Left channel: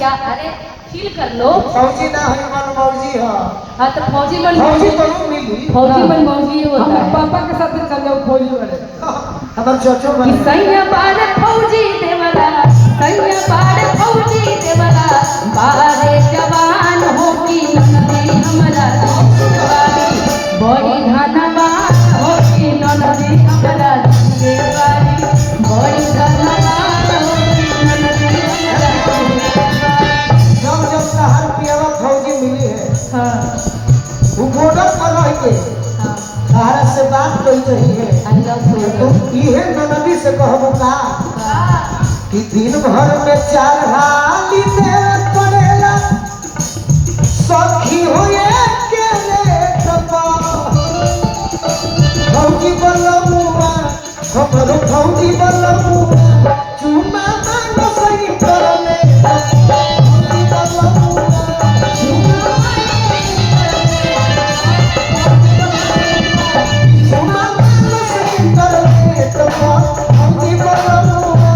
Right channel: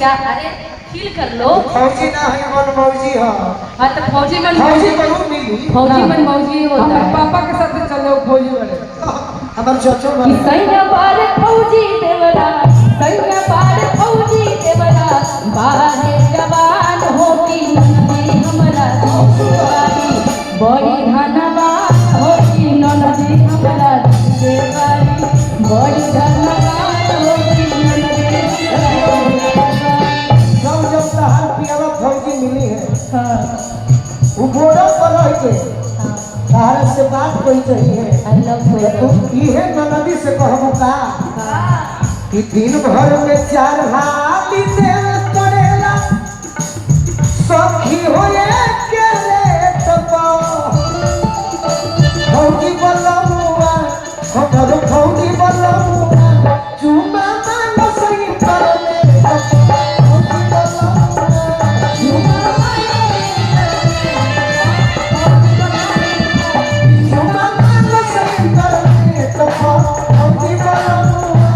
कर लो फौजी ना है मन मौजी हो। हां तो फौजी मन मिली फौजी मन मौजी होता है। पापा के साथ चलो फौजी वाले हमार चचो वाले सैया पार फौजी देवरा सैया पार फौजी देवरा बारे जवान होगी नदी हमरा बड़ी धनवान होगी नदी हमरा देवारी बड़ी धनवान होगी नदी जब शहर पियावा फौजी मिली है हां वो बॉर्डर पर रह के शहर से बात कही चाहिए तो इहे नदी से कहबो का कि दिन भर में 4 हाली देव पड़ेला सखी होए के रे तो फौजी बलमुआ हमरो फौजी बलमुआ चुमा मानो सही करले फौजी बलमुआ चुमा मानो सही करले तो फौजी बलमुआ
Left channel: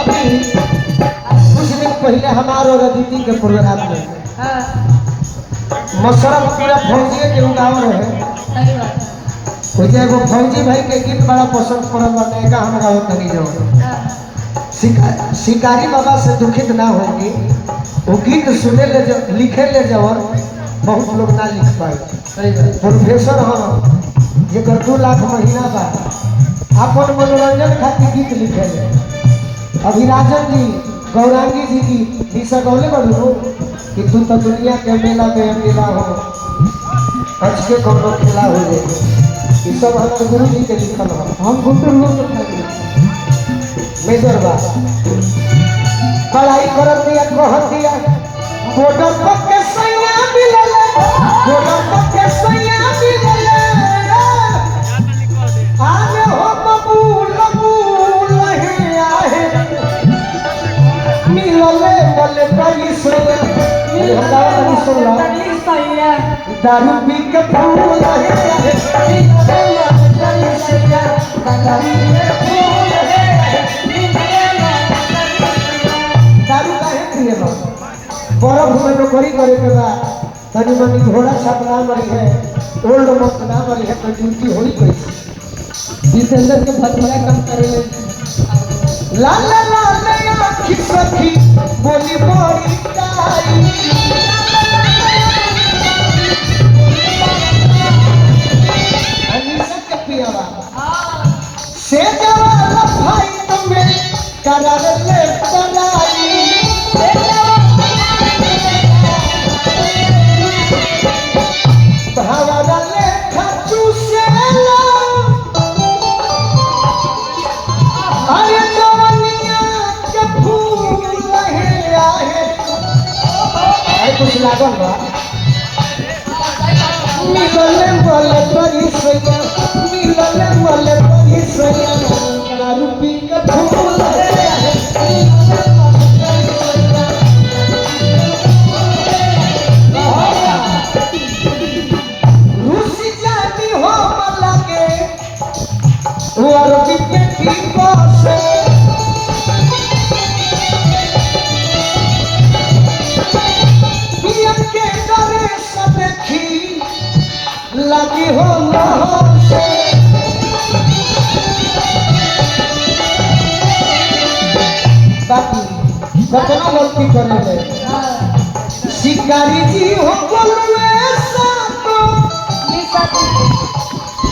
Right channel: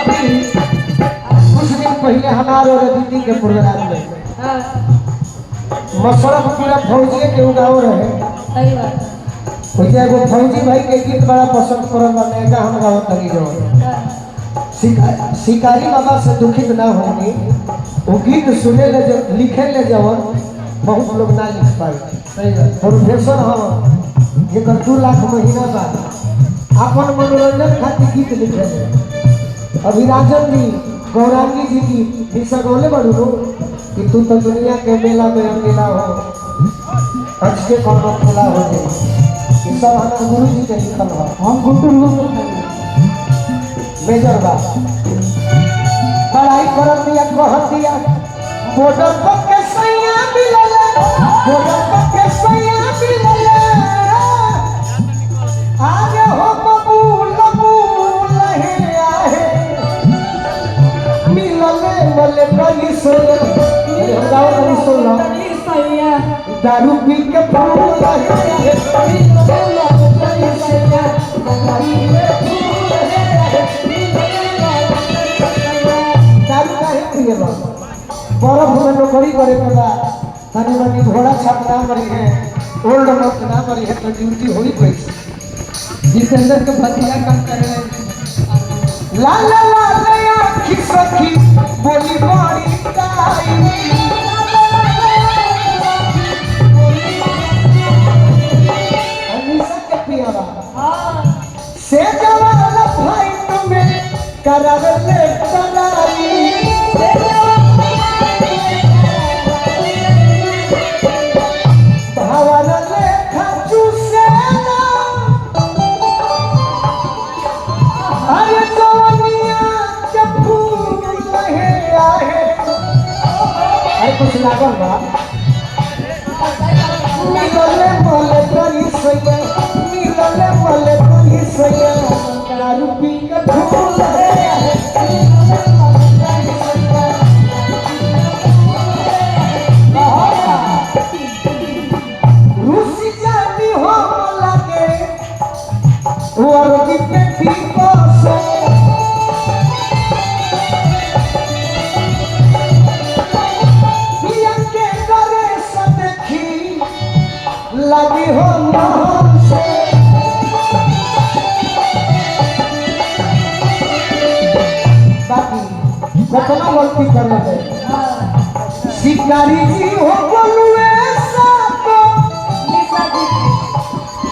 अभी कुछ दिन पहले हमारे और दीदी के प्रोग्राम में हां मशरफ पूरा फौजी के गाँव रहे सही बात है वो फौजी भाई के गीत बड़ा पसंद पड़ल बने का हम गाँव तनी जो हां शिकारी बाबा से दुखित ना होगी वो गीत सुने ले जब लिखे ले जवन बहुत लोग ना लिख पाए सही बात प्रोफेसर हो ये कर 2 लाख महीना बाद अपन मनोरंजन खातिर गीत लिखे अभी राजन जी गौरांगी जी की दीक्षा गौले बड़ू कि तू तो दुनिया के मेला में अकेला हो अर्ज के कौन खेला हो जाए ये सब हमारे गुरु जी के लिखल हो हम गुंटूर लोग मेजर बात कड़ाई कर दिया कह दिया बॉर्डर पर के सैया मिलल बॉर्डर पर के सैया मिलल आज हो कबूल कबूल है आहे मिलले मल कली सैया हदावा कली सैया दारू पी के फूल है मिलले मल कली सैया दारू पी के फूल है दारू काहे पीने बा बरफ में नौकरी करे के बा तनी मनी घोड़ा छपरा मरी है ओल्ड मत ना मरी है तो ड्यूटी होई पैसे जितेंद्र के भतिया कम करे ला ला ला आखी सखी बोली बड़ी ताई अनिस के पियावा से जवान भाई तुम्हें करा ले कलाई भावना ले खचू से ला अरे जवानिया के फूल है आहे कुछ लागल बा मिलले बोले बड़ी सैया मिलले बोले बड़ी सैया दारू पी के फूल है रूसी जाती हो लगे और बिपे की पासो पिया के करे सब देखी लगी हो मोहन से बाकी कतना लोग की करे है शिकारी जी हो बोलवे साको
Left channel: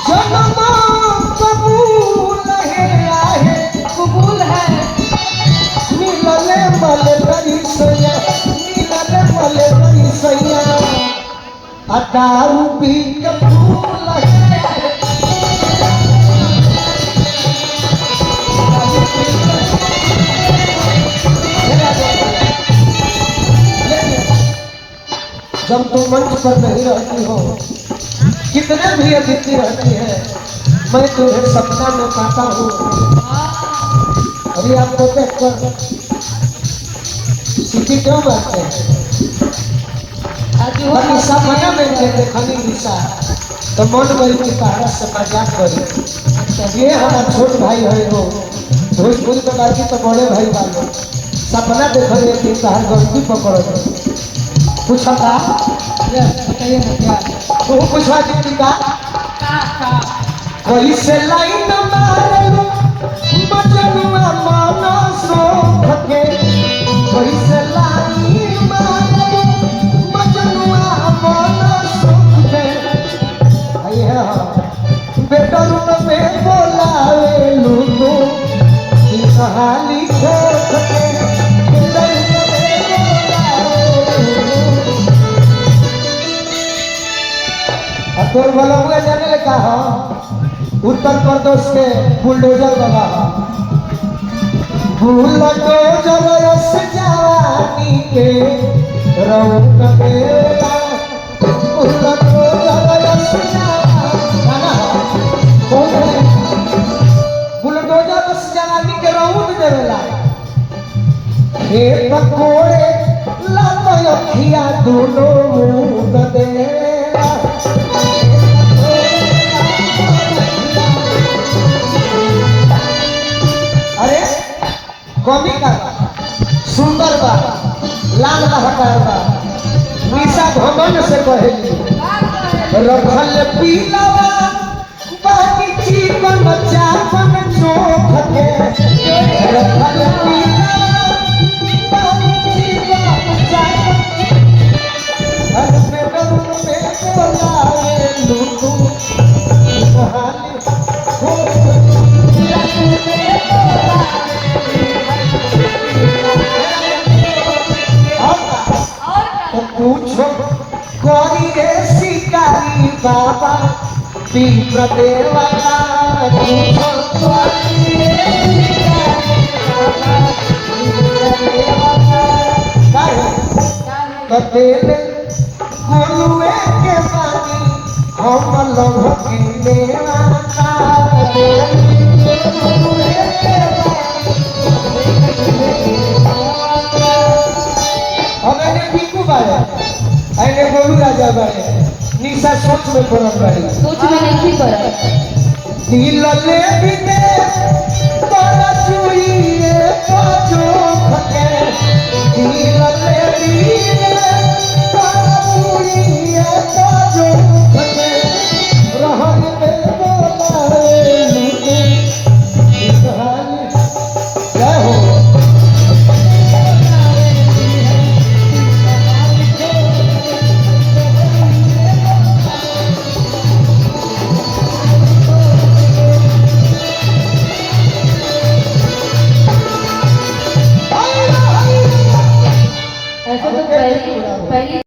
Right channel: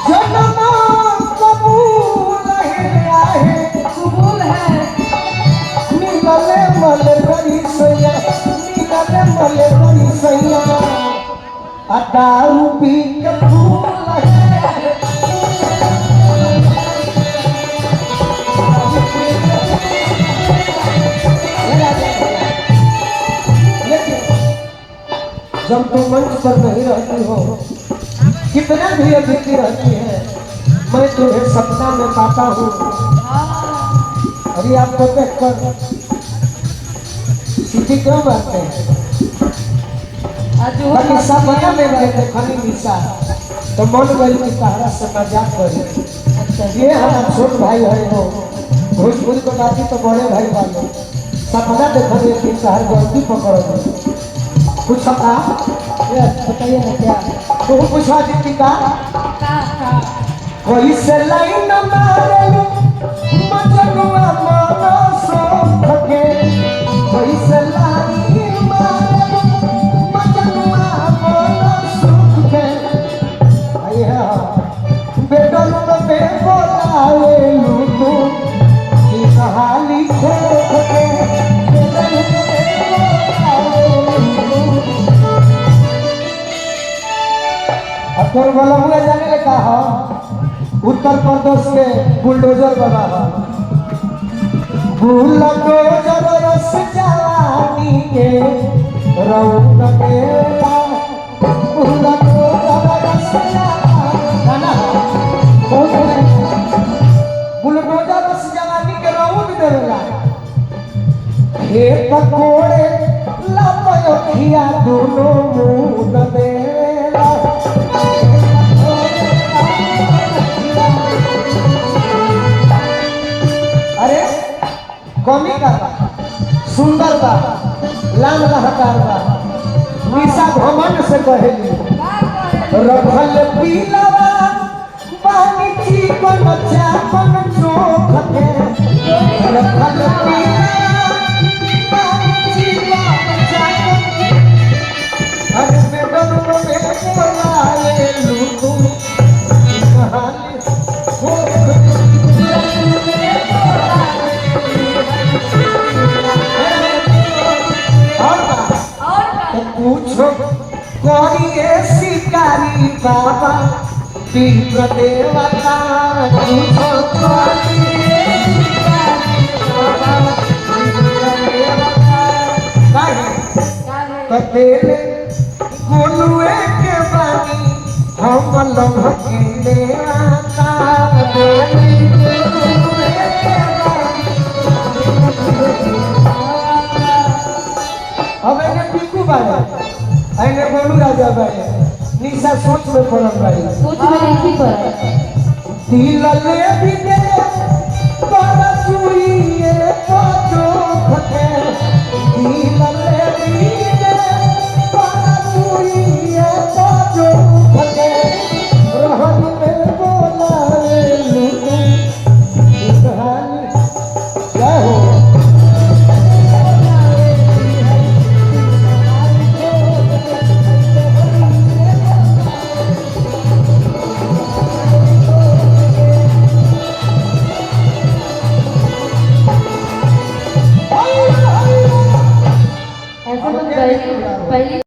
जन्म कबूल है आहे कबूल है मिलले मले बड़ी सैया मिलले मले बड़ी सैया दारू पी के फूल है जब तुम मंच पर नहीं रहती हो कितने भी अदिति रहती है, मैं तुझे सपना में पाता हूँ। अभी आपको देख कर सीधी क्यों बात है, बाकी सपना में मैं देखनी दिशा तो मन गई कि पहाड़ से मजाक करी। ये हमारा छोट भाई है, वो भोजपुरी तो बाकी तो बड़े भाई वाले सपना देखने की पहाड़ गलती पकड़ो कुछ बताइए ना क्या वो पूछा जितनी का कैसे लाइन मारू बचनुआ मन सोख के, कैसे लाइन मारू बचनुआ मन सोख के, आया बेटा पे बोलावे लोगो की कहानी खोख के, तो बोला जाने लगा हो उत्तर प्रदेश के बुलडोजर बाबा, बुलडोजर से जवानी के रौक के, बुलडोजर से बुलडोजर से जवानी के रौक देला, खेत कोड़े लातो खिया दोनों मुंह देला। सुंदर बा लाल लहकार बा निशा भवन से कहेली रखल पीलावा बाकी जीवन चापन चोख के, रखल पीलावा बाकी जीवन चापन हर में डर में बोलाए लूटू कहानी पूछो करिए शिकारी बाबा तीव्र देवता, पूछो करिए तो तेरे गुरुए के बानी हम लभ के ले आता तेरे गुरुए के आने बोलू राजा भाई निशा सोच में बोलम भाई सोच में नहीं पर दिल ले बिते तोरा चुइए पाछो खके, दिल ले बिते तोरा चुइए पाछो खके, रहन में बोलाए लूटे कहानी क्या हो ऐसे तो पहली